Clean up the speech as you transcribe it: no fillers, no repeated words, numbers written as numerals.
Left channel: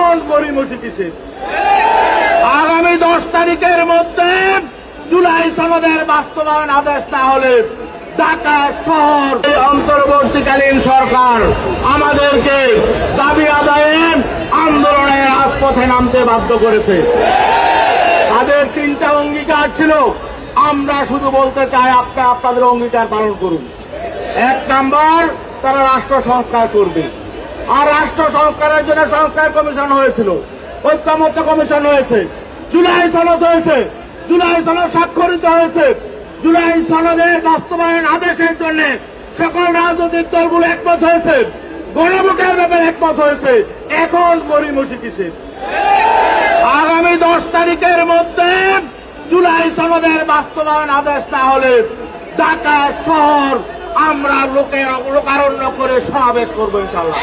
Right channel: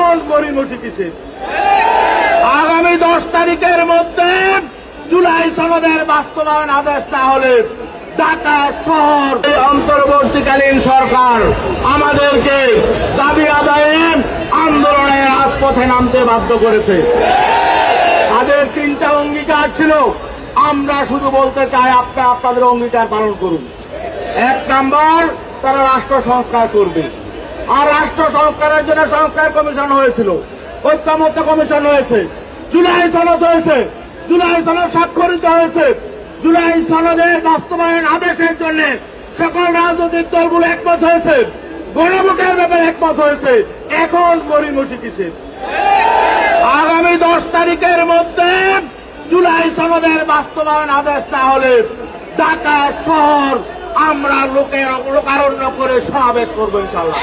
এখন গড়িমসি কিসে? আগামী 10 তারিখের মধ্যে জুলাই সনদের বাস্তবায়ন আদেশ না হলে ঢাকা শহর অন্তর্বর্তীকালীন সরকার আমাদেরকে দাবি আদায়ে আন্দোলনের রাজপথে নামতে বাধ্য করেছে। তাদের 3টা অঙ্গীকার ছিল। আমরা শুধু বলতে চাই, আপনাদের অঙ্গীকার পালন করুন। 1 নম্বর, তারা রাষ্ট্র সংস্কার করবে। আর রাষ্ট্র সংস্কারের জন্য সংস্কার কমিশন হয়েছিল, ঐক্যমত্য কমিশন হয়েছে, জুলাই সনদ হয়েছে, জুলাই সনদ স্বাক্ষরিত হয়েছে। জুলাই সনদের বাস্তবায়ন আদেশের জন্য সকল রাজনৈতিক দলগুলো একমত হয়েছে, গণভোটের ব্যাপারে একমত হয়েছে। এখন গড়িমসি কিসে? আগামী 10 তারিখের মধ্যে জুলাই সনদের বাস্তবায়ন আদেশ না হলে ঢাকা শহর আমরা লোকারণ্য করে সমাবেশ করবো ইনশাআল্লাহ।